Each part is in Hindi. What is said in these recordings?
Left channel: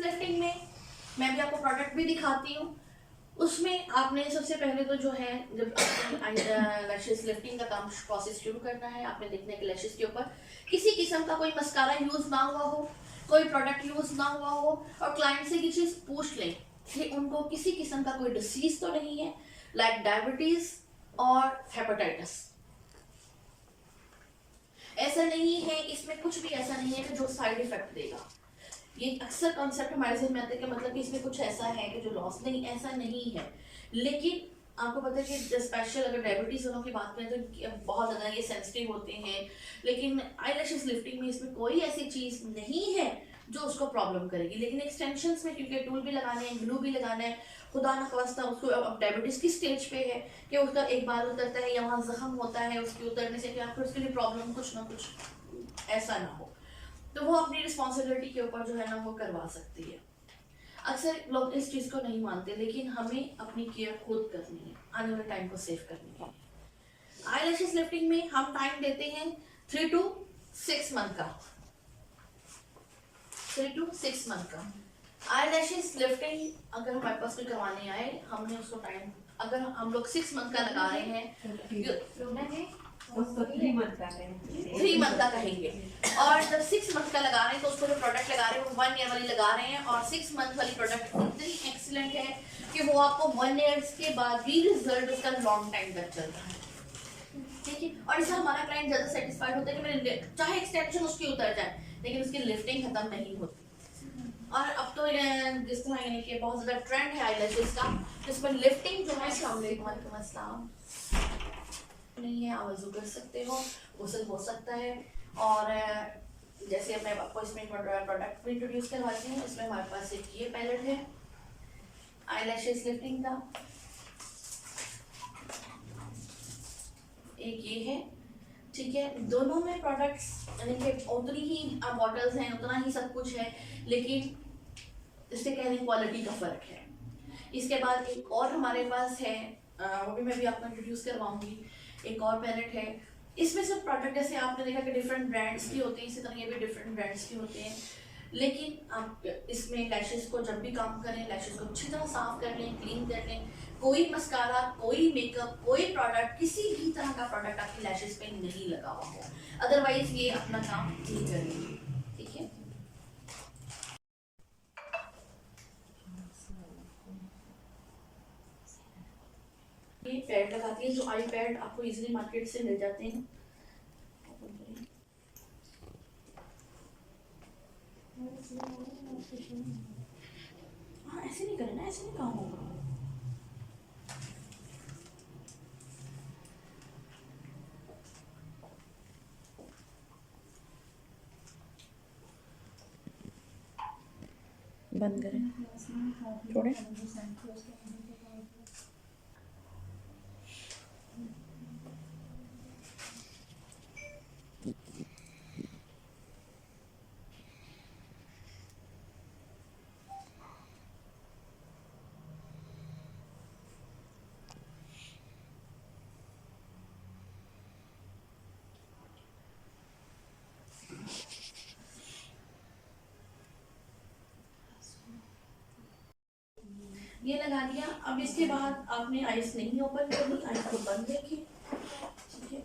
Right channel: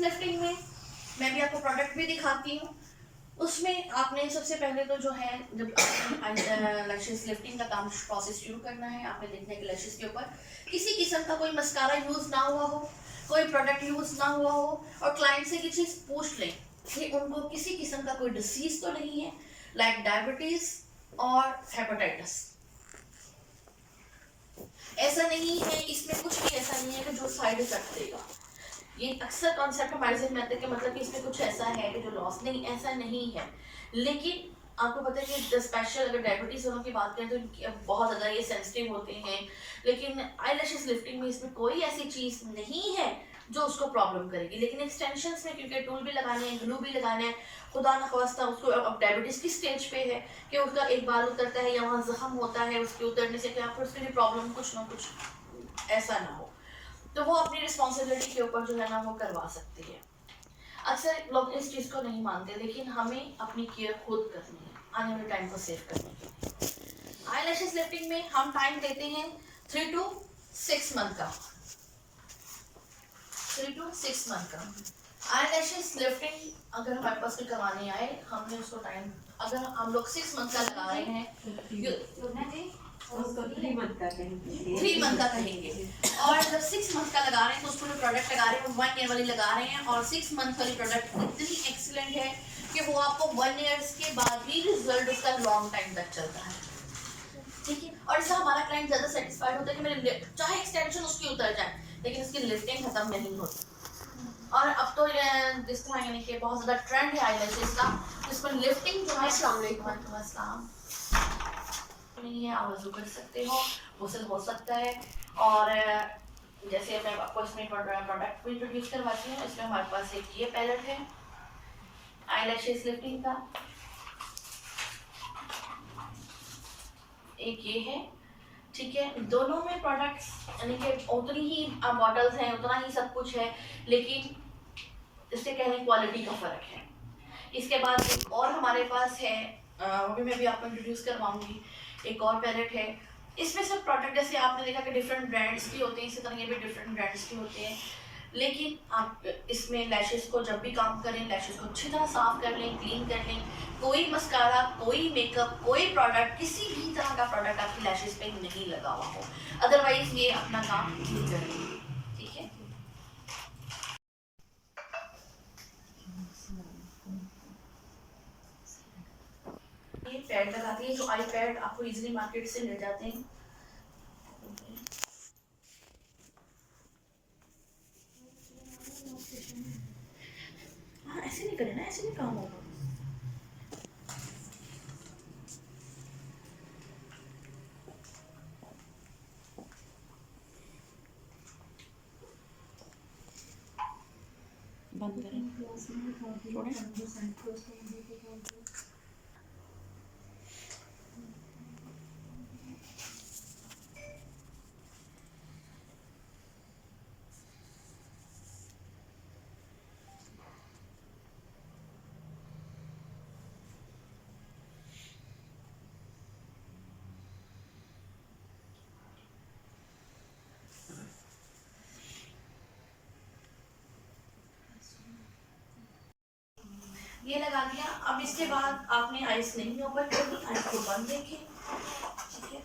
लिफ्टिंग में मैं भी आपको प्रोडक्ट भी दिखाती हूँ। उसमें आपने सबसे पहले तो जो है, जब लैशेस लिफ्टिंग का काम प्रोसेस शुरू करना है, आपने देखना है कि लैशेस के ऊपर किसी किस्म का कोई मस्कारा यूज ना हुआ हो, कोई प्रोडक्ट यूज ना हुआ हो, और क्लाइंट से ये चीज पूछ लें कि उनको किसी किस्म का कोई डिसीज तो नहीं है, लाइक डायबिटीज और हेपेटाइटिस। ऐसा नहीं है, इसमें कुछ भी ऐसा नहीं है कि जो साइड इफेक्ट देगा। ये अक्सर कॉन्सेप्ट हमारे ज़हन में आता है कि मतलब कि इसमें कुछ ऐसा है कि जो लॉस, नहीं ऐसा नहीं है। लेकिन आपको पता है कि स्पेशल अगर डायबिटीज वालों की बात करें तो बहुत ज़्यादा ये सेंसिटिव होते हैं, लेकिन आईलैशेस लिफ्टिंग में इसमें कोई ऐसी चीज़ नहीं है जो उसको प्रॉब्लम करेगी। लेकिन एक्सटेंशंस में क्योंकि टूल भी लगाने हैं, ग्लू भी लगाना है, खुदा न ख्वास्ता उसको अब डायबिटीज़ की स्टेज पे है कि उसका एक बाल उतरता है या वहाँ जख्म होता है, उसके उतरने से क्या फिर उसके लिए प्रॉब्लम कुछ ना कुछ ऐसा ना हो, तो वो अपनी रिस्पॉन्सिबिलिटी के ऊपर जो है ना वो करवा सकती है। अक्सर लोग इस चीज़ को नहीं मानते, लेकिन हमें अपनी केयर खुद करनी है आने वाले टाइम को सेव करने के लिए। आईलैशेस लिफ्टिंग में हम टाइम देते हैं 3 to 6 मंथ का। 3 to 6 मंथ का आईलैशेस लिफ्टिंग अगर हमारे पास कोई करवाने आए, हमने उसको टाइम, अगर हम लोग 6 मंथ का लगा रहे हैं, 3 मंथ का कहेंगे, 3 मंथ का कहेंगे, और जब 6 मंथ का लगा रहे हैं तो उसको जो प्रोडक्ट लगा रहे हैं वो 1 ईयर वाली लगा रहे हैं, और 6 मंथ वाली प्रोडक्ट इतनी एक्सीलेंट है कि वो आपको 1 ईयर्स के बाद भी रिजल्ट उसका लॉन्ग टाइम तक चलता है। ठीक है, और इससे हमारा क्लाइंट ज़्यादा सेटिस्फाइड होता है कि मेरे चाहे एक्सटेंशन उसकी उतर जाए लेकिन उसकी लिफ्टिंग खत्म नहीं होती। और अब तो जिस तरह यानी कि बहुत ज़्यादा ट्रेंड है आईलैशेस का, जिसमें लिफ्टिंग जो है, अस्सलाम वालेकुम, नहीं है, आप वज़ू कर सकते हो, गुस्ल हो सकता है। और जैसे मैं आपको इसमें प्रोडक्ट भी इंट्रोड्यूस करवाती हूँ। इसमें हमारे पास एक ये पैलेट है आईलैशेस लिफ्टिंग का, एक ये है, ठीक है। दोनों में प्रोडक्ट्स यानी कि उतनी ही बॉटल्स हैं, उतना ही सब कुछ है, लेकिन इससे कह लें क्वालिटी का फ़र्क है। इसके बाद एक और हमारे पास है, वो भी मैं भी आपको इंट्रोड्यूस करवाऊंगी, एक और पैलेट है। इसमें सब प्रोडक्ट जैसे आपने देखा कि डिफरेंट ब्रांड्स की होते हैं, इसी तरह ये भी डिफरेंट ब्रांड्स की होते हैं, लेकिन आप इसमें लैशेस को जब भी काम करें, लैशेस को अच्छी तरह साफ कर लें, क्लीन कर लें। कोई मस्कारा, कोई मेकअप, कोई प्रोडक्ट, किसी भी तरह का प्रोडक्ट आपकी लैशेस पे नहीं लगा हुआ हो, अदरवाइज ये अपना काम नहीं करेंगे। ठीक है, ये पैड लगाती है, जो आई पैड आपको इजीली मार्केट से मिल जाते हैं। हाँ, ऐसे नहीं करें ना, ऐसे नहीं काम होगा। बंद करें थोड़े। ये लगा दिया। अब इसके बाद आपने आइस नहीं ओपन करनी, आइस को बंद देखें। ठीक है,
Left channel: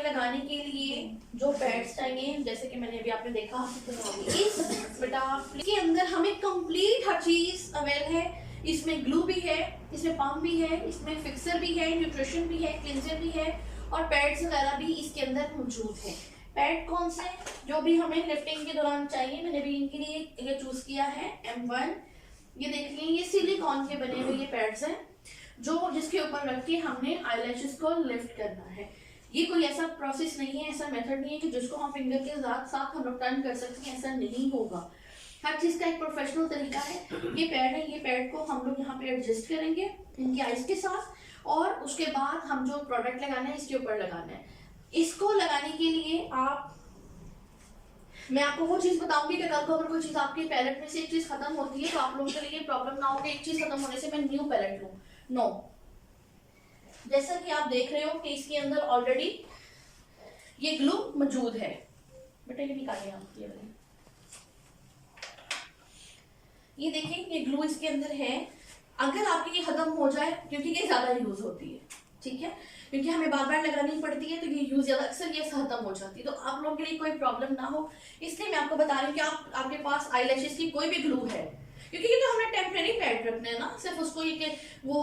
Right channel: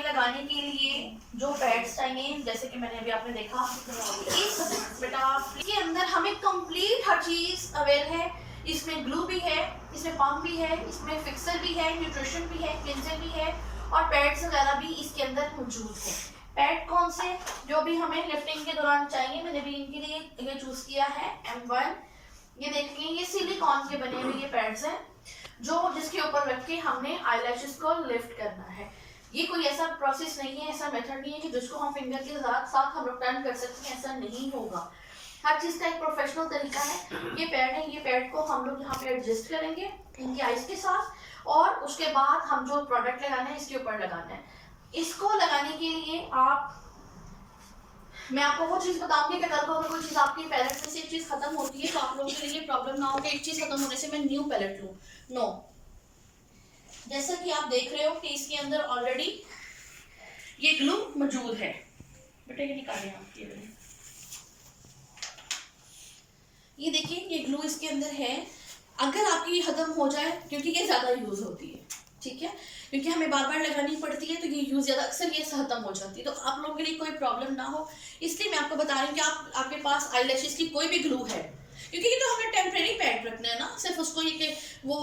लगाने के लिए जो पैड्स चाहिए, जैसे कि मैंने अभी आपने देखा, इस बेटा के अंदर हमें कंप्लीट हर चीज अवेल है। इसमें ग्लू भी है, इसमें पम्प भी है, इसमें फिक्सर भी है, न्यूट्रिशन भी है, क्लिंजर भी है, और पैड्स वगैरह भी इसके अंदर मौजूद है। पैड कौन से जो भी हमें लिफ्टिंग के दौरान चाहिए, मैंने भी इनके लिए ये चूज किया है M1। ये देखिए, ये सिलिकॉन के बने हुए ये पैड्स हैं, जो जिसके ऊपर रख के हमने आईलैशेस को लिफ्ट करना है। ये कोई ऐसा प्रोसेस नहीं है, ऐसा मेथड नहीं है कि जिसको हम फिंगर के साथ साथ हम लोग टर्न कर सकते हैं, ऐसा नहीं होगा। हर चीज का एक प्रोफेशनल तरीका है। ये पैड है, ये पैड को हम लोग यहाँ पे एडजस्ट करेंगे इनकी आइज के साथ, और उसके बाद हम जो प्रोडक्ट लगाना है इसके ऊपर लगाना है। इसको लगाने के लिए मैं आपको वो चीज बताऊंगी कि कल को अगर कोई चीज आपकी पैलेट में से एक चीज खत्म होती है तो आप लोगों के लिए प्रॉब्लम ना हो कि एक चीज खत्म होने से मैं न्यू पैलेट लूं। नो, जैसा कि आप देख रहे हो कि इसके अंदर ऑलरेडी ये ग्लू मौजूद है। बेटा ये निकालें आप, ये देखिए ये ग्लू इसके अंदर है, अगर आपकी ये खत्म हो जाए, क्योंकि ये ज़्यादा यूज़ होती है, ठीक है, क्योंकि हमें बार बार लगानी पड़ती है, तो ये यूज़ ज़्यादा अक्सर ये खत्म हो जाती है, तो आप लोगों के लिए कोई प्रॉब्लम ना हो इसलिए मैं आपको बता रही हूँ कि आपके पास आई लैशेज़ की कोई भी ग्लू है, क्योंकि ये तो हमने टेम्प्रेरी पैड रखना है ना, सिर्फ उसको ये कि वो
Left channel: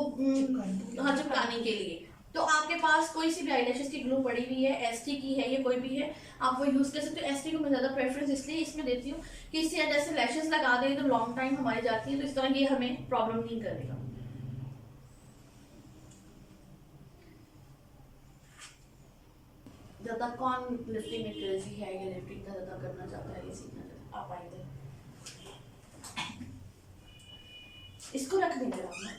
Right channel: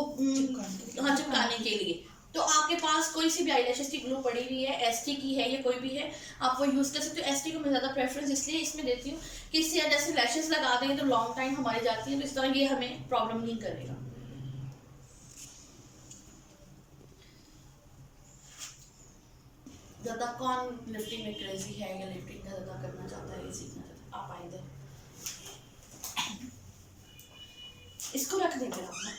हाँ चिपकाने के लिए, तो आपके पास कोई सी भी आई लैशेज़ की ग्लू पड़ी हुई है, एसटी की है या कोई भी है, आप वो यूज़ कर सकते हो। एसटी को मैं ज़्यादा प्रेफरेंस इसलिए इसमें देती हूँ कि इससे जैसे लैशेज़ लगा दें तो लॉन्ग टाइम हमारी जाती है, तो इस तरह ये हमें प्रॉब्लम नहीं करेगा। ज़्यादा कौन लिफ्टिंग में क्रेजी है या लिफ्टिंग का ज़्यादा करना चाहता है, ये सीखना चाहता है, आप आएंगे इसको रख देंगे अपना।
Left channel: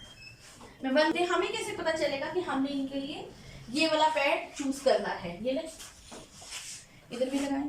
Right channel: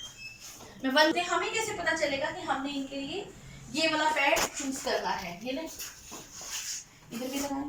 मैं बनते हमें कैसे पता चलेगा कि हमने इनके लिए ये वाला पैड चूज करना है, ये ले इधर भी लगाएं।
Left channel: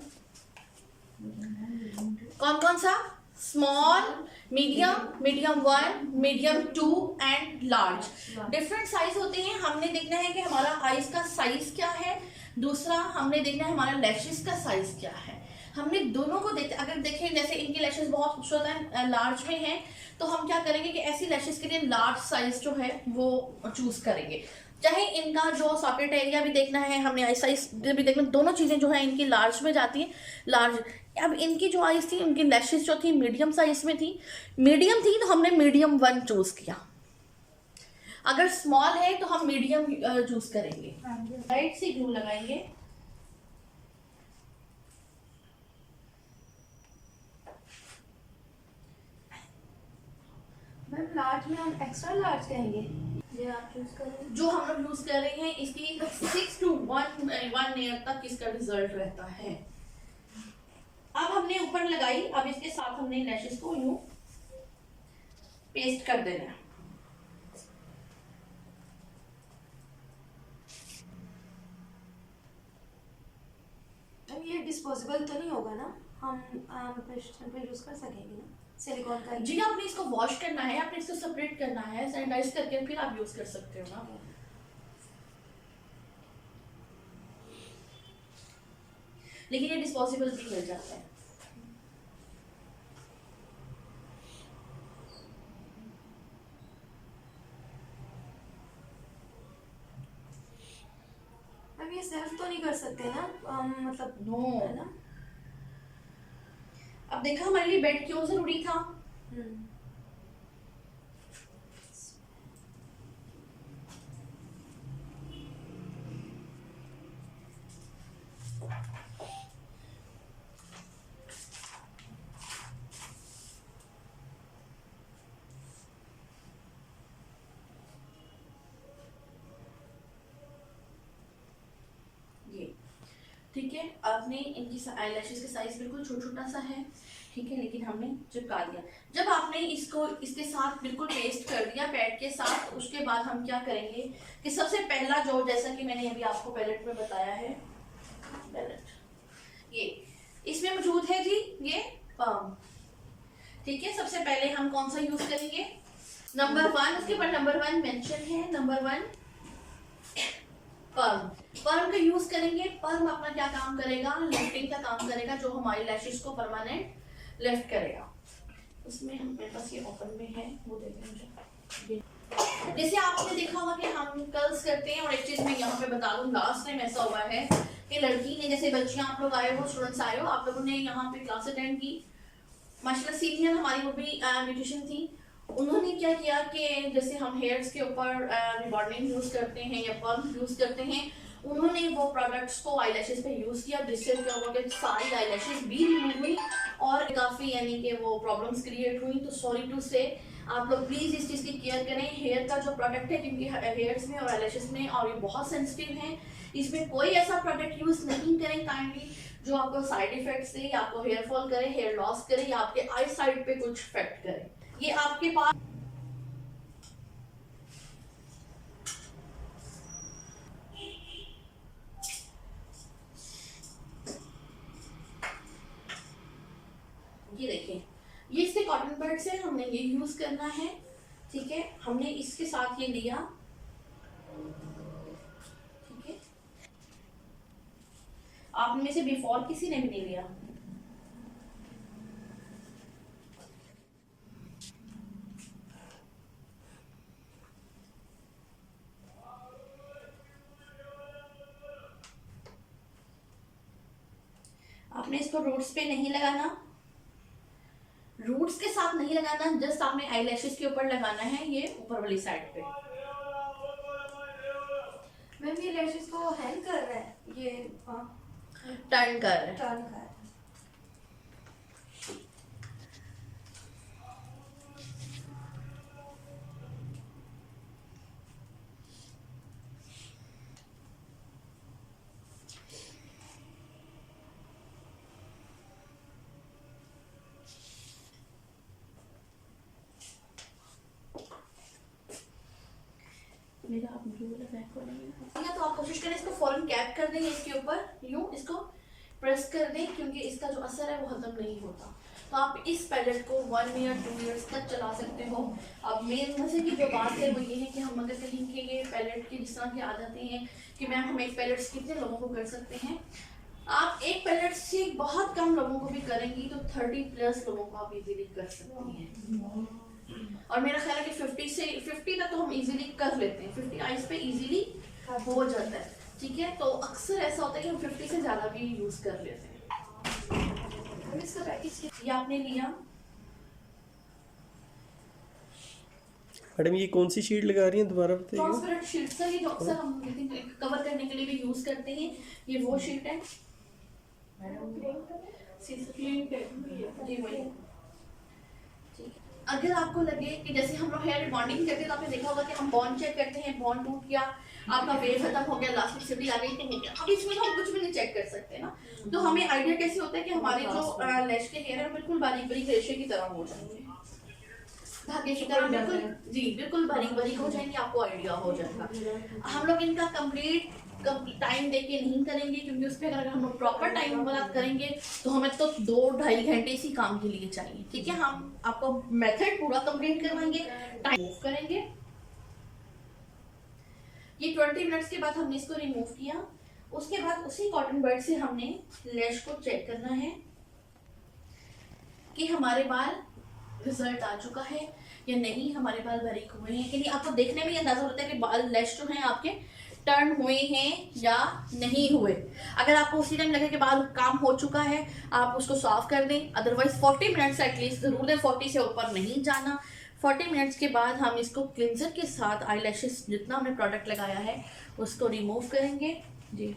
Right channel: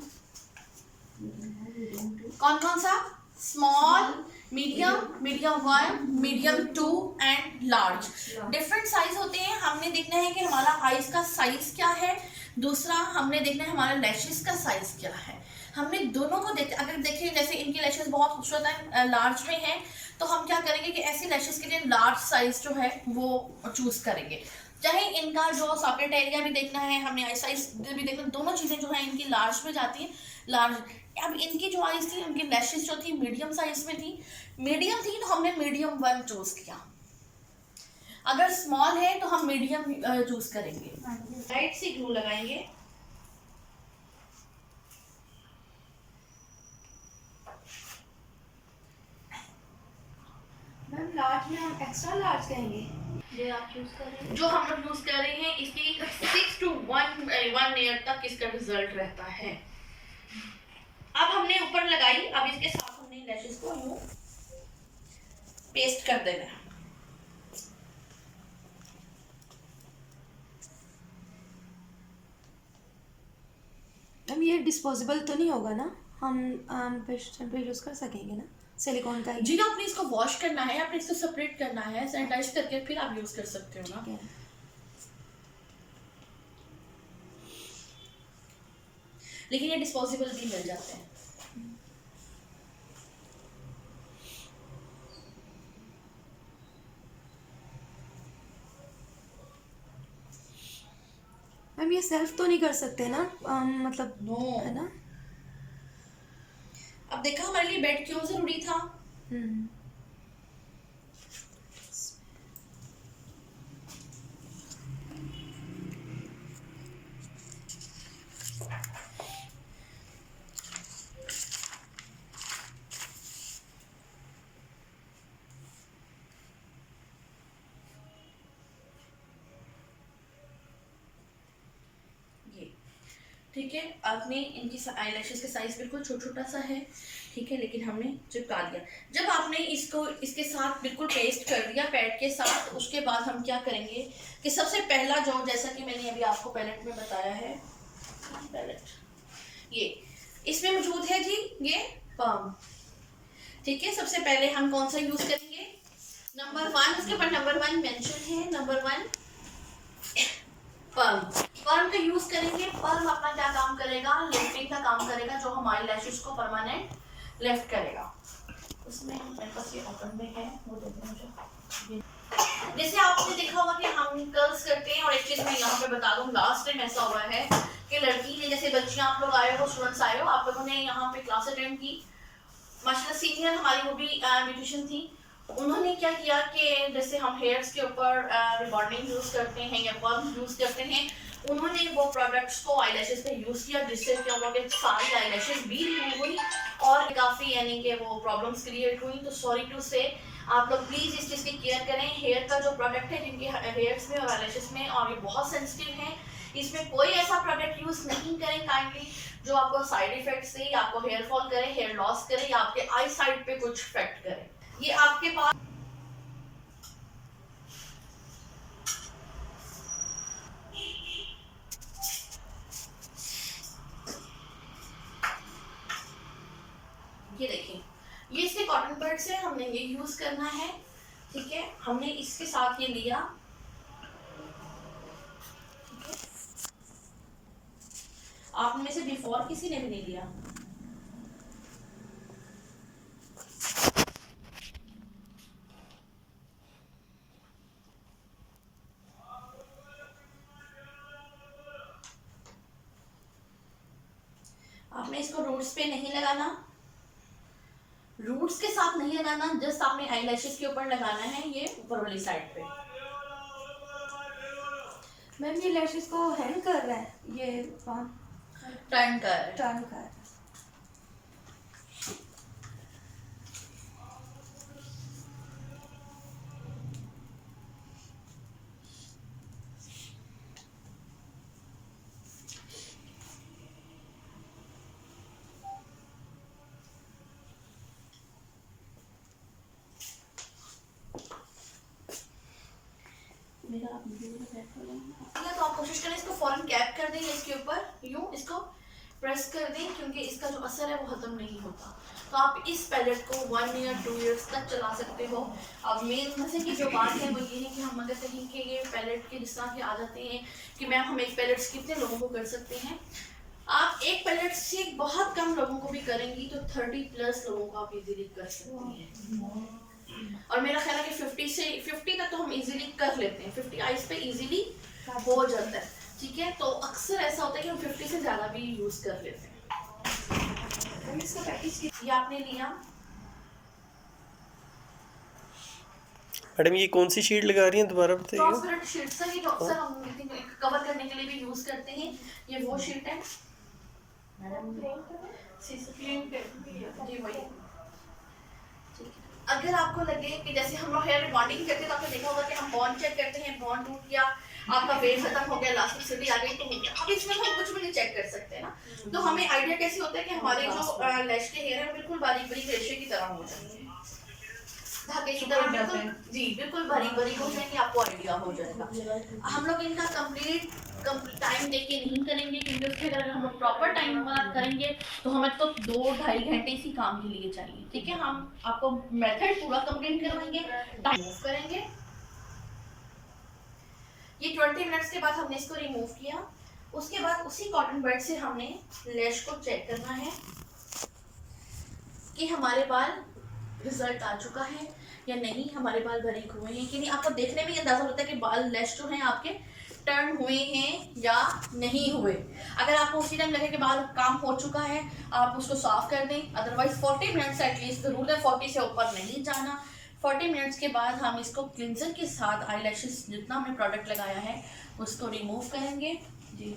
कौन कौन सा? Small, medium, medium 1, medium 2 and large. Different size होते हैं, हमने देखना है कि हमारा आईज का साइज क्या है, दूसरा हमने देखना है हमारा लैशेस का साइज क्या है, हमने दोनों को देख, अगर देखें जैसे इनकी लैशेस बहुत खूबसूरत है, लार्ज में है, तो हम क्या करेंगे कि ऐसी लैशेस के लिए लार्ज साइज जो है वो चूज करेंगे। चाहे इनका जो सॉकेट एरिया भी देखना है, हमने आई साइज भी देखना, दोनों चीज़ें जो है इनकी लार्ज में जाती हैं, लार्ज। अब इनकी जो आईज थी, उनकी लैशेस जो थी मीडियम साइज में थी, मीडियम थी तो हमने मीडियम 1 चूज किया, अगर स्मॉल है तो हम मीडियम चूज करेंगे। राइट से ग्लू लगाएंगे, मैम लार्ज में हम एक्स्ट्रा लार्ज कहेंगे, ये आप यूज कर रहे हैं, जो हम लोग यूज कर रहे हैं, इसकी 6 to 1 ईयर तक इसका रिजल्ट रहता है। अब हमने ऊपर लगाई, अब इसके साथ हमने लैशेस को यूं पेस्ट कर देना है। मैम ये डिस्पोजेबल तो नहीं होगा ना, हम पेशेंट पे यूज़ कर सकेंगे ना, सिलिकॉन का जी आपने इसको वॉश करना है, आपने इसको सेपरेट करना है, सैनिटाइज करके फिर आप यूज कर सकते हो ना। लेकिन ये डिस्पोजेबल भी मिल जाते हैं। मैम ये सेल्फ तो नहीं कर सकते ना, मतलब नो है ना। अब देखा हमारे लिए बेड क्यों जरूरी था, ठीक है। आपने इनकी आई लैशेस का साइज बिल्कुल छोटा सा है, ठीक है, लेकिन हमने चिपका दिया। जब आपने इसको इसके साथ बिल्कुल पेस्ट कर दिया पैड के साथ, उसके बाद हम क्या करेंगे कि सबसे पहला जो, जैसा कि मैंने अभी आपको पैलेट में बताया है, पैलेट ये इसमें मौजूद है जी, ये पम, ठीक है। सबसे पहले हम कौन सा यूज करेंगे, नंबर 1, उसके ऊपर नंबर 1 मेंशन है, नंबर 1 पर्म। पर्म का यूज करेंगे। पर्म अपना क्या काम करेगा, लिफ्टिंग का काम करेगा, जो हमारी लैशेस को परमानेंट लिफ्ट करेगा। उसमें मेरे पास ये ओपन में है, वो देते हैं मुझे। जैसे आपने देखा होगा कि हम कर्ल्स करते हैं, और एक चीज मैं यहाँ पे बता दूं, लास्ट टाइम ऐसा हुआ है कि लड़की ने, जैसे बच्चियां आप लोग आए हो, स्टूडेंट्स आए हो, आप लोगों ने यहाँ पे क्लास अटेंड की, माशाल्लाह सीनियर हमारी वो भी ब्यूटिशियन थी, उन्होंने क्या किया कि जैसे हम हेयर्स के ऊपर रिबॉन्डिंग यूज करते हैं या पर्म यूज करते हैं, उन्होंने वो प्रोडक्ट्स को आई लैशेस पे यूज किया, जिससे क्या हुआ कि सारी आई लैशेस भी रिमूव हुई और काफ़ी यानी कि वो प्रॉब्लम्स क्रिएट हुई। तो सॉरी टू से, आप लोग प्लीज़ इस चीज़ की केयर करें। हेयर का जो प्रोडक्ट है, क्योंकि हेयर्स में और आई लैशेस में, और ये बहुत सेंसिटिव है, इसमें कोई ऐसा प्रोडक्ट यूज नहीं करें काइंडली जो आपको साइड इफेक्ट से या आपको हेयर फॉल करे, हेयर लॉस करे, या आपके आई साइड पे कुछ इफेक्ट करे। ये आपके पास ये देखें, ये इसके कॉटन बड से हमने ये यूज करना है, ठीक है। हमने इसके साथ ये लिया, ठीक है। आप में से बिफोर किसी ने भी नहीं लिया, आपने इसको रूट्स पे नहीं लगाना, रूट्स के साथ नहीं लगाना, जस्ट आपने आई लैशेस के ऊपर लगाना है, ये ऊपर वाली साइड पे। मैम ये लैशेस को हैंग कर रहा है, ये टर्न कर टर्न कर रहा है। मेरा आप तो आप कोशिश करें इसको फौरन कैप कर दें इसके ऊपर, यूं इसको प्रेस कर दें, क्योंकि इसका जो असर है वो खत्म नहीं होता। तो आप इस पैलेट को 1 ईयर 2 ईयर्स तक चला सकते हो। अब मेन मजे की जो बात है वो ये है कि हम अगर कहीं के ये पैलेट के जिस तरह के आ जाते हैं कि मैम हम एक पैलेट कितने लोगों को कर सकते हैं, आप एक पैलेट से बहुत कम लोगों को भी करेंगी तो 30+ लोगों को आप इजीली कर सकती हैं। और मेरा ख्याल है कि 50 तक तो हम इजीली कर लेते हैं, 50 आइज पे इजीली हो जाता है, ठीक है। तो अक्सर ऐसा होता है कि हम 50 से ज़्यादा भी यूज़ कर लेते हैं। इसका प्रैक्टिस ये आपने लिया। मैडम ये कौन सी शीट लगा रही हैं, दोबारा बताइए। ट्रांसपेरेंट शीट सर, ये जो अक्सर हम कवर करने के लिए भी यूज़ करते हैं, ये वो शीट है जी वही। अगर आपको लगे कि जैसे हम लोग हेयर बॉन्डिंग करते हैं तो आपने देखा होगा कि हम बॉन्ड चेक करते हैं, बॉन्ड टूट गया, आपका वेट खत्म हो गया, इलास्टिसिटी आ गई तो हो गया। अब इसमें तो हम कुछ भी नहीं चेक कर सकते ना, तो हमें आइडिया कैसे होता है कि हमारे जो लैश के हेयर है बिल्कुल बारीक बारीक रेशे की तरह हो जाएंगे, धागे की तरह, बिल्कुल जी बिल्कुल बारीक बारीक हो जाएंगे, आपको आइडिया हो जाएगा। हम लोग इनका कंप्लीट टाइम दे के नहीं करेंगे, क्योंकि उसके अगर हम लोग प्रॉपर टाइम वाला करेंगे तो हमें तो 2-2.5 घंटे इसी काम के लिए चाहिए, ठीक है। हम आपको मेथड पूरा कंप्लीट करवाएंगे, टाइम मूव करेंगे। ये 20 मिनट्स के बाद हमने इसको रिमूव किया। उसके बाद उसी कॉटन बड से हमने लैश को चेक करना है कि हमारे बाल रिजल्ट आ चुका है या नहीं, हमारे बाल बारीक हुए हैं कि नहीं। आपको देखने में अंदाजा होता है कि बाल लैश जो हैं आपके टर्न हुए हैं या नहीं हुए। अगर आपको उसी टाइम लगे कि बाल काम हो चुका है, आप उसको साफ कर दें, अदरवाइज 40 मिनट्स एटलीस्ट ज़रूर है, 40 से ऊपर नहीं जाना। 40 मिनट्स के बाद हम इसको क्लिंजर के साथ आई लैशेस जितना हमने प्रोडक्ट लगाया है उसको रिमूव करेंगे जी।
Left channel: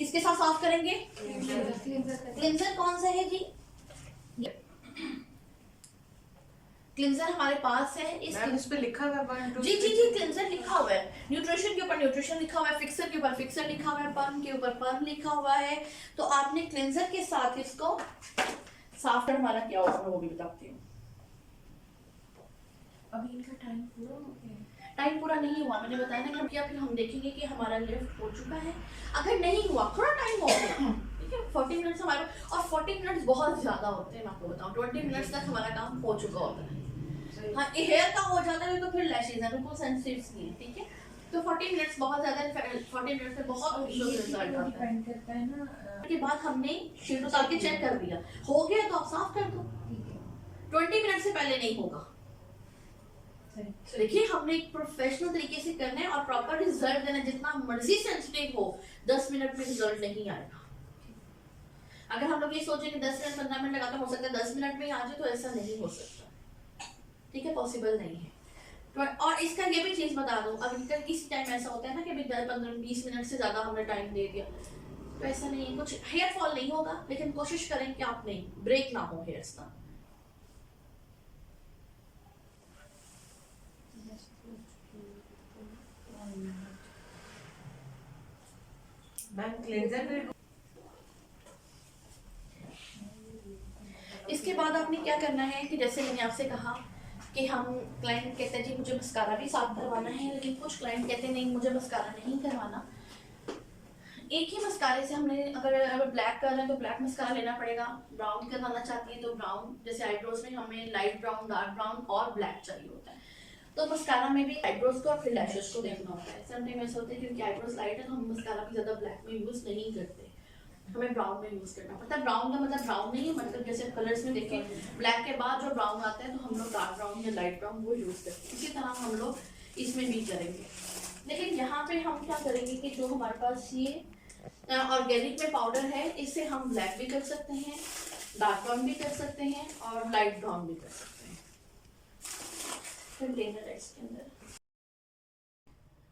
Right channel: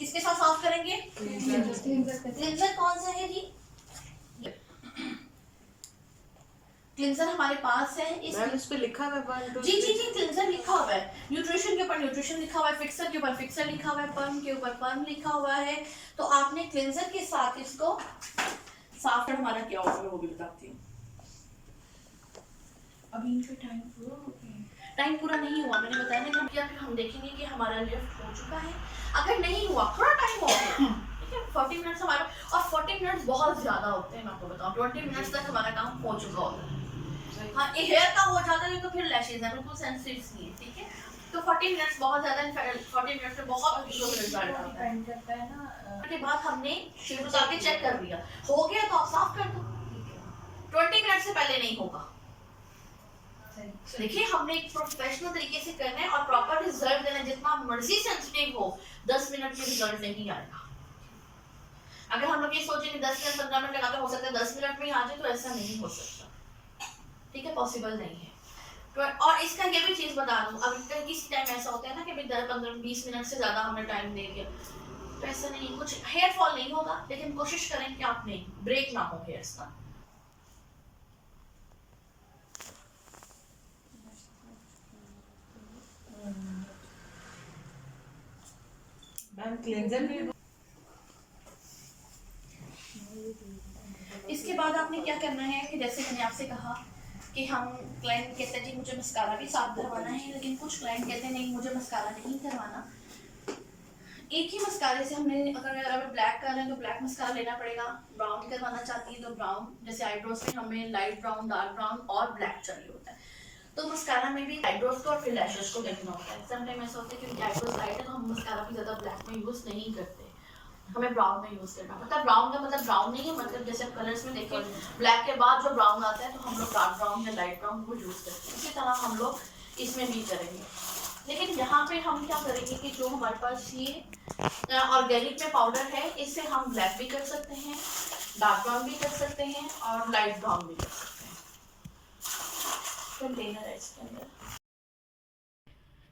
इसके साथ साफ करेंगे। क्लिंजर कौन सा है जी? क्लिंजर हमारे पास है, इस पे लिखा हुआ है 1 2 जी जी जी क्लिंजर लिखा हुआ है, न्यूट्रिशन के ऊपर न्यूट्रिशन लिखा हुआ है, फिक्सर के ऊपर फिक्सर लिखा हुआ है, पर्म के ऊपर पर्म लिखा हुआ है। तो आपने क्लिंजर के साथ इसको साफ कर, हमारा क्या होगा वो भी बताती हूँ। अभी इनका टाइम पूरा हो गया, टाइम पूरा नहीं हुआ, मैंने बताया ना हम क्या, फिर हम देखेंगे कि हमारा लिफ्ट हो चुका है। अगर नहीं हुआ, थोड़ा टाइम हो गया, ठीक है, 40 मिनट्स हमारा, और 40 मिनट्स बहुत ज़्यादा होते हैं, मैं आपको बताऊँ 20 मिनट्स तक हमारा काम हो चुका होता है। हाँ, ये हेयर का हो जाता है तो फिर लैशेज है बिल्कुल सेंसिटिव स्किन, ठीक है। तो 40 मिनट्स बहुत ज़्यादा, 40 मिनट्स में बहुत रिजल्ट आता है ना। के बाद हमने शीट उतार के चेक कर लिया, हो गया तो आप साफ कर दो, 20 मिनट से पहले नहीं होगा। देखिए हमने एक प्रोफेशनल तरीके से करना है और प्रॉपर रिजल्ट देना, जितना मर्जी सेंसिटिव हो 10 मिनट में रिजल्ट नहीं आएगा। अगर हम लोग ये सोचेंगे 10 मिनट 15 मिनट लगाते हो सकता है 10 मिनट में ही आ जाए, तो ऐसा नहीं हो सकता, ठीक है, पॉसिबल नहीं है। तो और इसका ये भी चीज़ बता दूँ, अभी किसी टाइम ऐसा होता है ना कि अभी 10-15-20 मिनट से ज़्यादा हमने टाइम दे दिया, तो ऐसा नहीं, कुछ हेयर फॉल नहीं होगा, लेकिन कोशिश करें कि आप नहीं ब्रेक ना हो हेयर्स का। मैम क्लेंजर भी इसके बाद आपने क्या करना है कि जैसे मैंने आपसे कहा कि हम क्लाइंट कहते हैं जी मुझे मस्कारा भी साफ करवाना है, लेकिन कुछ क्लाइंट कहते हैं नहीं मुझे मस्कारा नहीं करवाना। एक ही मस्कारे से हमने अगर ब्लैक कर रहे हैं तो ब्लैक मस्कारा लेना पड़ेगा, ब्राउन करवाना चाहती है तो ब्राउन, जैसे आईब्रोज में हमें लाइट ब्राउन, डार्क ब्राउन और ब्लैक चाहिए होता है। तो मस्कारा में भी आईब्रोज को और फिर लैशेस को देखना होता है। समटाइम ऐसा होता है क्योंकि आईब्रोज लाइट है तो हम मस्कारा भी ज़्यादा ब्लैक में यूज़ नहीं करते, हमें ब्राउन में यूज़ करना पड़ता है। ब्राउन का मतलब ब्राउन नहीं है, मतलब जैसे कलर्स में देखें ब्लैक के बाद जो ब्राउन आता है तो हम लोग डार्क ब्राउन या लाइट ब्राउन वो यूज़ करते हैं। इसी तरह हम लोग इसमें भी करेंगे। लेकिन यहाँ पे हम क्या करेंगे कि जो हमारे पास ये ऑर्गेनिक में पाउडर है, इससे हम ब्लैक भी कर सकते हैं, डार्क ब्राउन भी कर सकते हैं और लाइट ब्राउन भी कर सकते हैं। कंटेनर है इसके अंदर।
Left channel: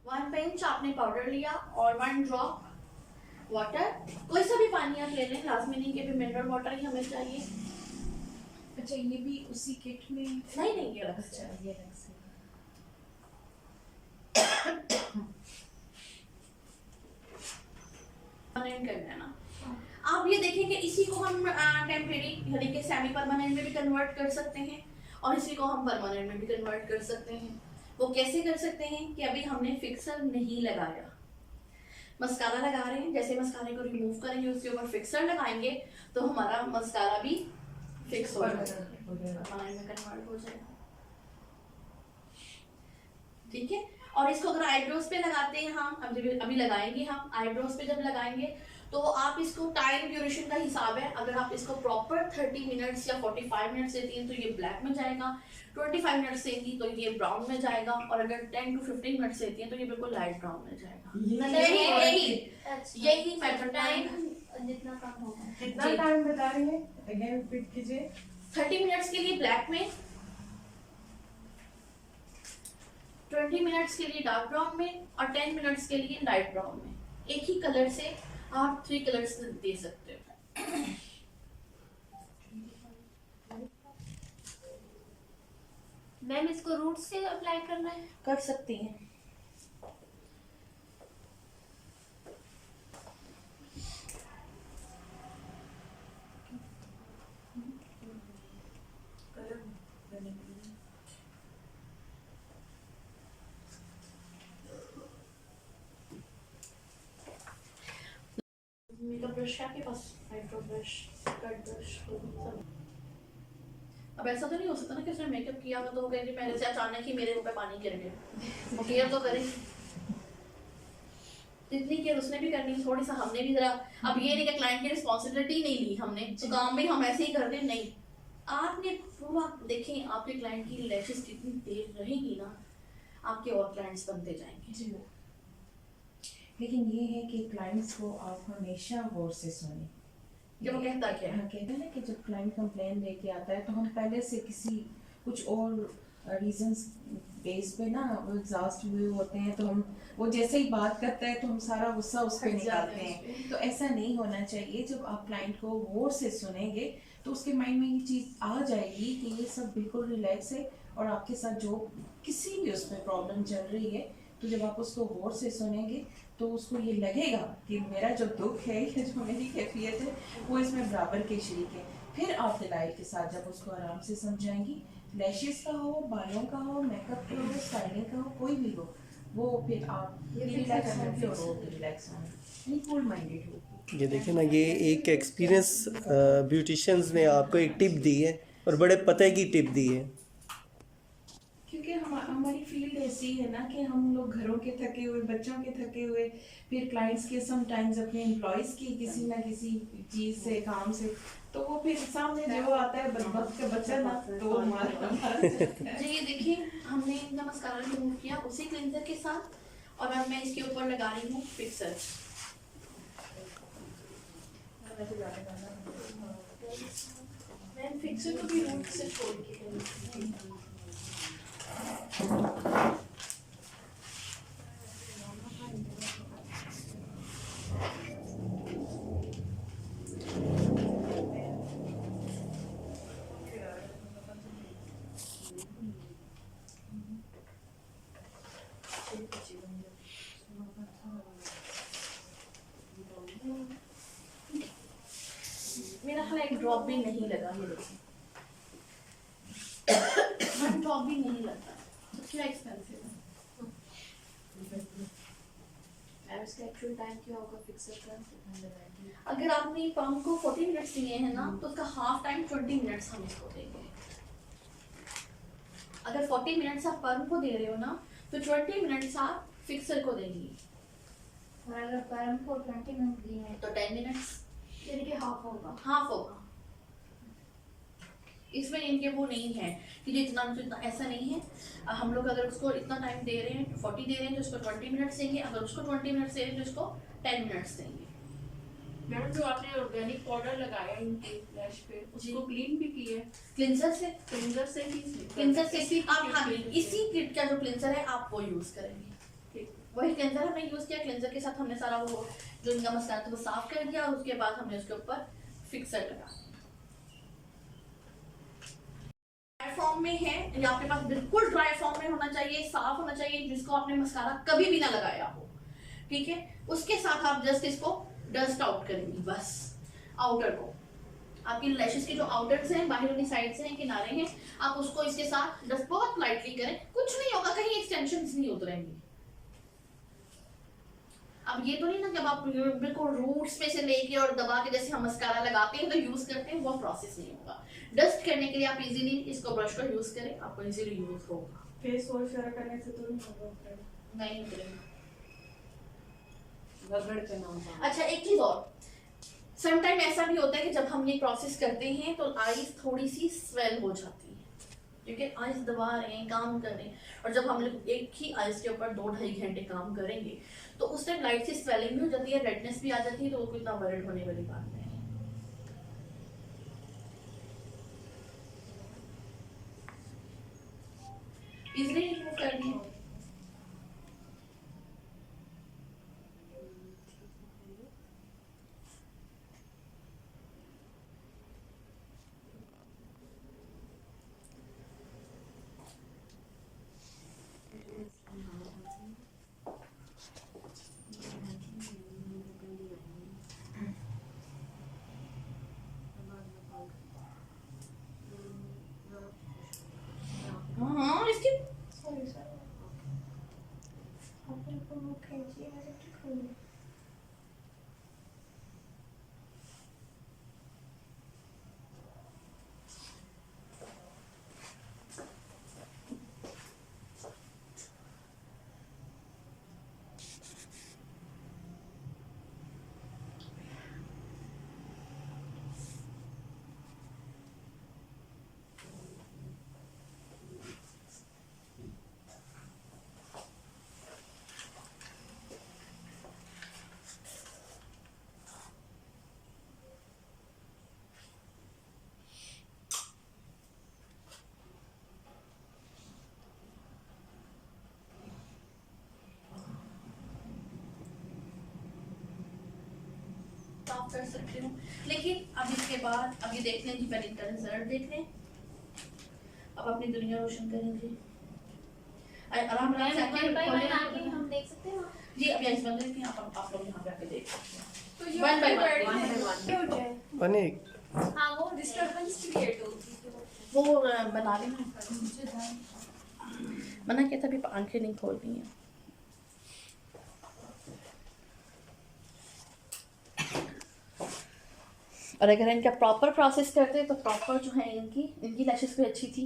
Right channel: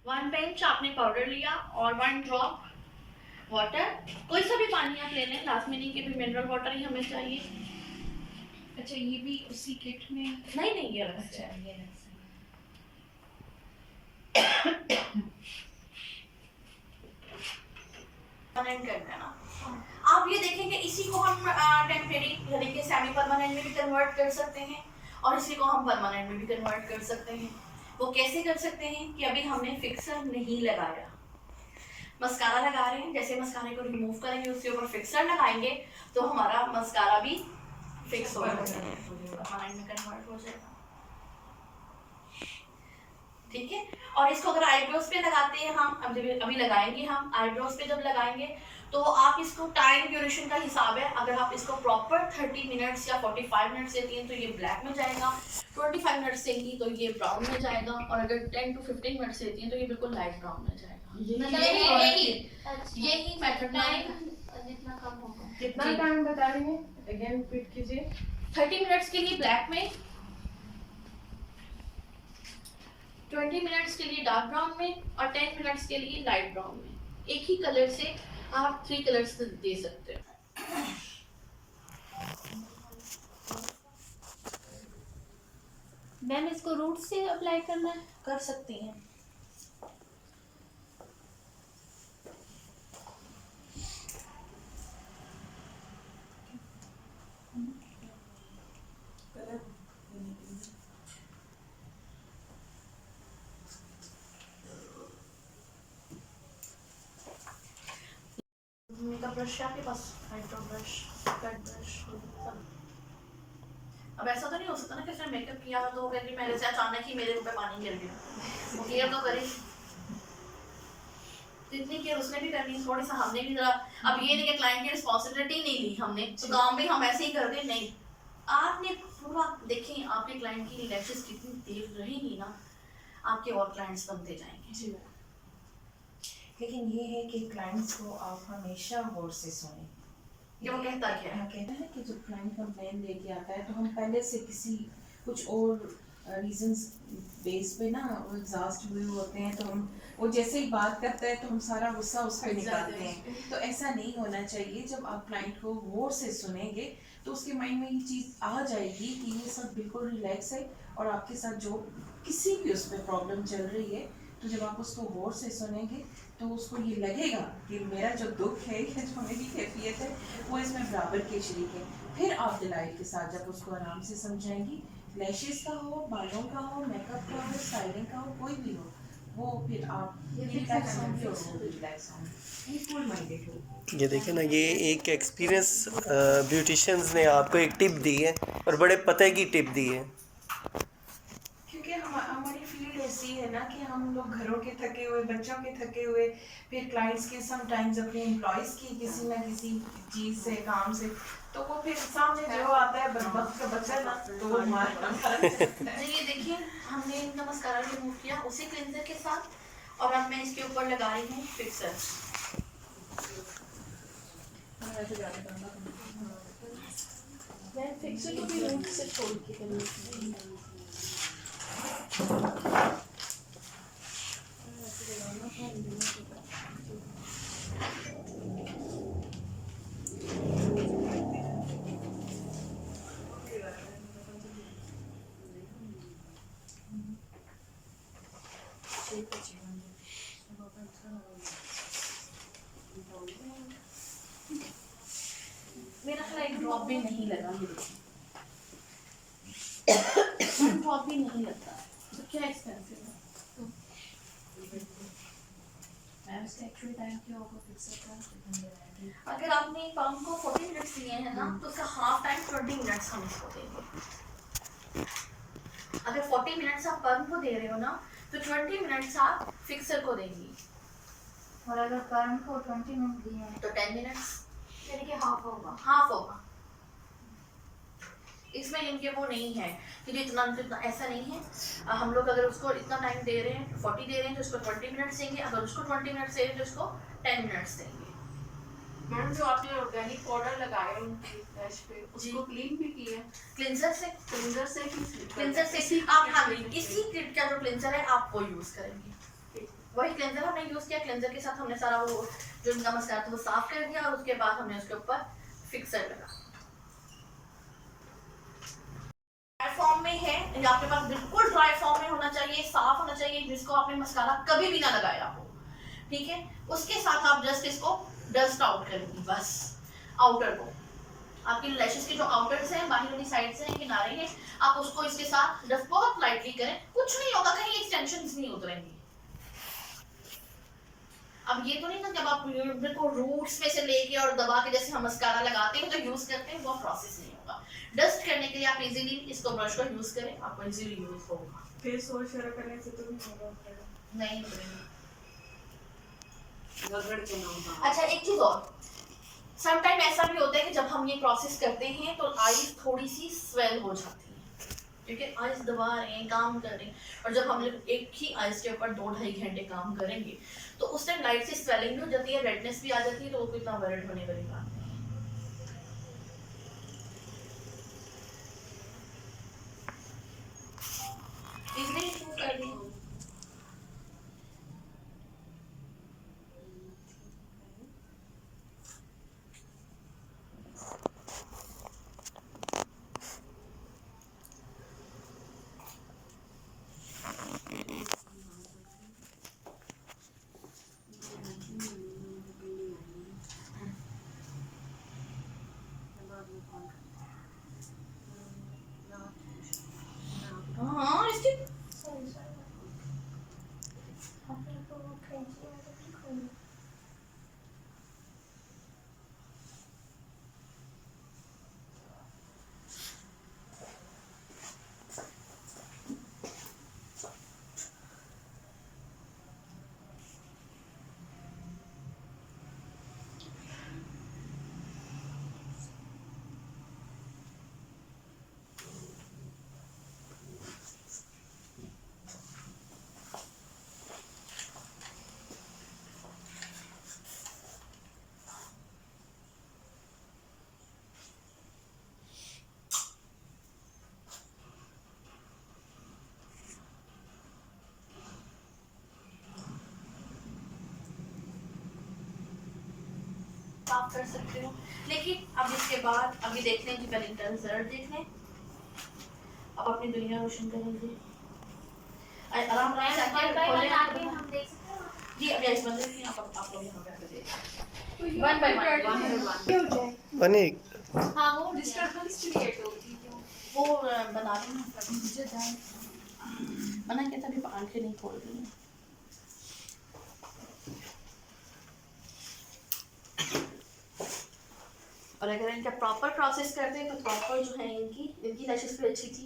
1 पिंच आपने पाउडर लिया और 1 ड्रॉप वाटर, कोई सा भी पानी आप ले लें, लाजमी नहीं कि भी मिनरल वाटर ही हमें चाहिए। अच्छा, ये भी उसी किट में? नहीं ये अलग से है। ये अलग से। परमानेंट करना है ना। आप ये देखें कि इसी को हम टेम्परेरी यानी कि सेमी परमानेंट में भी कन्वर्ट कर सकते हैं और इसी को हम परमानेंट में भी कन्वर्ट कर सकते हैं। वो कैसे कर सकते हैं कि अभी हमने फिक्सर नहीं लगाया, मस्कारा लगा रहे हैं, जैसे मस्कारे को रिमूव करेंगे उसके ऊपर फिक्सर लगाएंगे तो हमारा मस्कारा भी फिक्स हो जाएगा, परमानेंट में कन्वर्ट हो जाएगा। ठीक है, और इसको अगर आईब्रोज पे लगाते हैं हम, अभी लगाएंगे हम आईब्रोज पे, जब लगाएंगे तो आप इसको टाइम ड्यूरेशन का हिसाब है, अगर आप इसको प्रॉपर 30 मिनट्स या 45 मिनट्स देती हैं तो ये ब्लैक में जाएगा, 25 मिनट्स देंगी तो ये ब्राउन में जाएगा, और अगर 10 to 15 मिनट्स देती हैं तो ये बिल्कुल लाइट ब्राउन में जाएगा। यही मेथड है। जितना कम होगा। कितना टाइम बता रही हैं? अगेन रिपीट कीजिए। 30 मिनट्स के लिए ब्लैक में, 20 मिनट्स के लिए डार्क ब्राउन में और 10 मिनट्स के लिए लाइट ब्राउन में। एक ही कलर से आप 3 कलर्स दे सकते हो। मैम इसको रूट से अप्लाई करना है? कर सकती हैं। मेकअप ब्रश है आपके पास? आईब्रो ब्रश, कट ब्रश, सब। अब ऐसा तो नहीं हो सकता ना कि उसने मेकअप किया हो तो वो कहेगी मेरे से अचानक ही मेरे मुंह पे पानी गिर गया। वो केयर तो करे, जितनी केयर उसने भी करनी है, थोड़ी सा हमने भी जरा। अब ये नहीं कि क्लाइंट की रिस्पॉन्सिबिलिटी नहीं ली हमने, तो काम भी हम ऐसे ही कर दें, नहीं। आपने पूरा देखें आपके क्लाइंट की लैशेस कितनी देर रहेगी ना, आपके और क्लाइंट्स बनते जाएंगे। जी, लेकिन ये है कि क्लाइंट्स को आप हमेशा गौर से सुनें। कि वो कहता क्या है। हाँ, कहते हैं कि जब क्लाइंट कंप्लेन लेके आता है तो हम पहले से किसी कुछ और रीजंस बेस पे ना एग्जॉस्ट हुए होते हैं, तो हम वो जैसे ही बात करता है तो हम सारा गुस्सा उस पर निकालते हैं। तो ऐसा नहीं होना चाहिए। जब आप क्लाइंट को गौर से सुनेंगे तो उसके माइंड में ये चीज़ आ जाएगी कि ये सब बिल्कुल रिलैक्स है और आपके साथ जो किसी भी उस पर प्रॉब्लम चल रही है, तो जब आप उसको गौर से सुनेंगे तो उसको ये लगेगा कि मेरा जो दुख है या जो मेरी कैफियत है वो इसमें बराबर के शरीक है। फिर आप डिलाइट के साथ जब उसको आराम से समझाएंगी, लैशेस का हो, बालों का हो, मेकअप का हो, स्टाइलिंग का हो, कोई भी हो, वो फिर आप रिलैक्स होंगे और वो भी रिलैक्स होंगे, फुल माइंडेड हो। ये देखें ना, ये एक एक्सपीरियंस ब्यूटिशियंस ने आपको एक टिप दी है और बड़े पते की टिप दी है। क्योंकि हमारी फील्ड ऐसी है ना कि हम लोग घरों के थके हुए, बच्चों के थके हुए, फिर क्लाइंट्स के समटाइम्स अपने एम्प्लॉयज़ की किसी ना किसी चीज़ से, काम से, तो वो फिर सामने जो आता है बदबख्त का बच्चा ना, तो वो हमारा जी ये देखिए हमने इनका मस्कारा रिमूव किया उसी क्लिंजर के साथ, और अब मैं इसके ऊपर लगा रही हूँ फिक्सर। मैं फिक्सर को भी रूट से छोड़ के करूँगी। मेरा ख्याल एक ड्रॉप भी नहीं लगा, ये देखिए वन ड्रॉप भी नहीं लगता, तो क्या एक्सपेंसिव है। मैं इसका एक्चुअल टाइम क्यों आपको फिक्स करता है। अगर आपने पंप को 40 मिनट्स दिए हैं ना, तो उसका हाफ टाइम 20 मिनट्स हम इसको देंगे। अगर 40 मिनट्स आप पंप को दे रहे हो ना, तो 20 मिनट्स आप फिक्सर को देंगी, और अगर कर्म को 20 मिनट दिए हैं तो 10 मिनट्स यानी कि हाफ होगा। हाफ होगा। इसमें इनके वो नहीं है कि जो इतना इतना ऐसा नहीं है। हम लोग अगर उसको इतना टाइम दे रहे हैं 40 दे रहे हैं तो उसको 20 मिनट्स देंगे, अगर उसको 20 मिनट्स दे रहे हैं तो उसको 10 मिनट्स देंगे। मैडम जो आपने ऑर्गेनिक पाउडर लगाया उनकी लैश पे उसको क्लीन भी किया क्लिनजर से क्लींजर से क्लिनजर से आप हाँ इसी किट का जो क्लिनजर है आप वो यूज़ करेंगे। वही क्लिनजर हमने यूज़ किया, क्लिनजर के साथ हमने सारा वो जो इनका मसाला था वो साफ कर दिया और उसके बाद हमने उसके ऊपर फिक्सर लगा। ड्राई फॉर्म में है या आपके पास बिल्कुल ड्राई फॉर्म में होना चाहिए, साफ होना चाहिए, जिसको आपने मसाला कभी भी ना लगाया हो, ठीक है। उसके साथ आप जस्ट इसको डस्ट आउट करेंगी बस, आउटर को आपकी लैशेस के जो आउटर्स हैं, बाहर वाली साइड से हैं, किनारे हैं, आप उसको इसके साथ डस्ट बहुत लाइटली करें, कुछ नहीं होगा, कहीं एक्सटेंशंस नहीं उतरेंगी। अब ये तो नहीं ना जब आप बिल्कुल रूट्स पे से लेके और दबा के जैसे हम मस्कारा लगाते हैं तो यूज करते हैं, वो प्रोसेस नहीं होगा। डस्ट करने के लिए आप इजीली इसको ब्रश का यूज करें, आपको इजीली यूज होगा। फेस वॉश वगैरह करने से तो नहीं होगा, नहीं उतरेंगे। रगड़ के ना होगा। अच्छा एक चीज और, समटाइम ऐसा भी होता है कि जब हम ये प्रोसेस करते हैं तो आईज थोड़ी सी स्वेल हो जाती है, क्योंकि आईज दबा रहे हैं, काम कर रहे हैं, और जब हम लोग एक ही आईज के ऊपर 2-2.5 घंटे काम करेंगे तो उस टाइम लाइट सी स्वेलिंग भी हो जाती है, रेडनेस भी आ जाती है, तो वो कोई इतना वरिड होने वाली बात नहीं है। इजीली रिमूव कर दिए। हाँ इसकी साफ कर सकते हो, लेकिन अब इसके बाद अभी देख लें कि पहले इंटरनल रिजल्ट देख लें, अब अपनी दुनिया रोशन करेंगे। आराम आराम से आके हम देख सकते हैं जी, अभी इस बंदे की आप लोग यहाँ पे आके देख सकते हैं। तो ये One by one. हो जाए। बने हाँ वो डिस्टर्बेंस क्रिएट होगी वो बना रही हूँ, मुझे मना किया था, अभी आंखें नहीं खोल रही हैं। और अगर इनका प्रॉपर प्रोसेस करते हैं तो प्रॉपर जो है इनकी लैशेस भी अच्छी थी।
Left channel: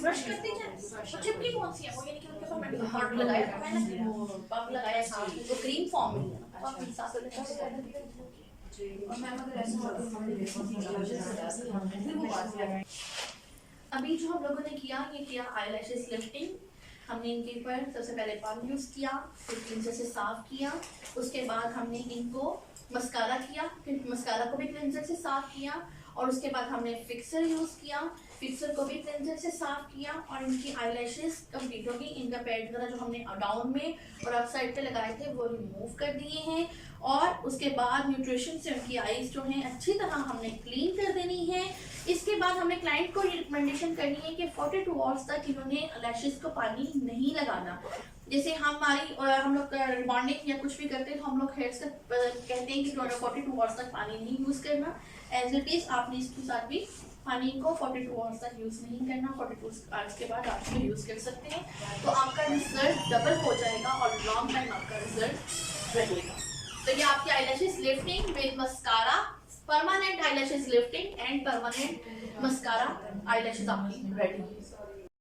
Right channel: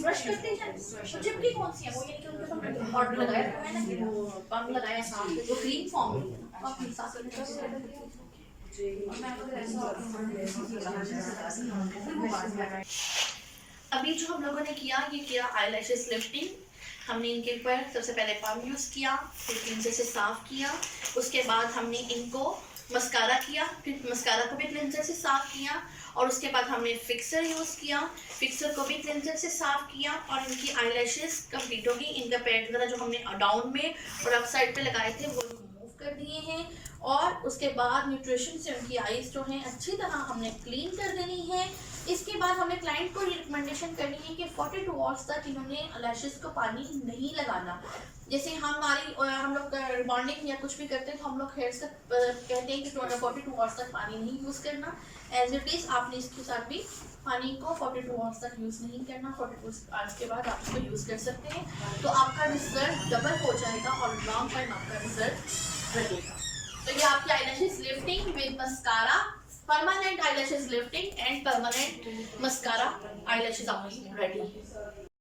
ब्रश करते हैं चिपकी कौन सी है वो, ये कि उनके साथ पाउडर लगाया है ना, कि वो पंग लगाया साथ में, वो क्रीम फॉर्म में है ना, पंग साथ में अभी जो हम लोगों ने किया ये किया आईलैशेस लिफ्टिंग। हमने इनके ऊपर सबसे पहले पम्प यूज़ किया, फिर क्लिंजर से साफ़ किया, उसके बाद हमने इनको मस्कारा किया, फिर मस्कारा को भी क्लिंजर से साफ़ किया, और उसके बाद हमने फिक्सर यूज़ किया, फिक्सर को भी क्लिंजर से साफ़ किया, और इनकी आईलैशेस कंप्लीट होगी। इनका पैड वगैरह जो हमने डाउन में और अप साइड पे लगाए थे वो रिमूव कर दिए हैं, और उसके बाद न्यूट्रिशन से उनकी आईज जो हैं अच्छी तरह हमने क्लीन कर देनी है। इसके बाद हमें क्लाइंट को ये रिकमेंडेशन करनी है कि 42 आवर्स तक इन्होंने लैशेस को पानी नहीं लगाना। जैसे हम लोग रिबॉन्डिंग या कुछ भी करते हैं तो हम लोग हेयर्स का कहते हैं कि 42 आवर्स तक पानी नहीं यूज़ करना। एज इट इज़ आपने इसके साथ भी पानी को 42 आवर्स तक यूज़ नहीं करना, 42 आवर्स के बाद आप इसको यूज़ कर सकते हैं, तो आपका रिजल्ट डबल हो जाएगा और लॉन्ग टाइम आपका रिजल्ट रहेगा। तो ये आपकी eyelashes lifting with mascara, permanent eyelashes lifting and permanent mascara eyelashes आपकी रेडी है।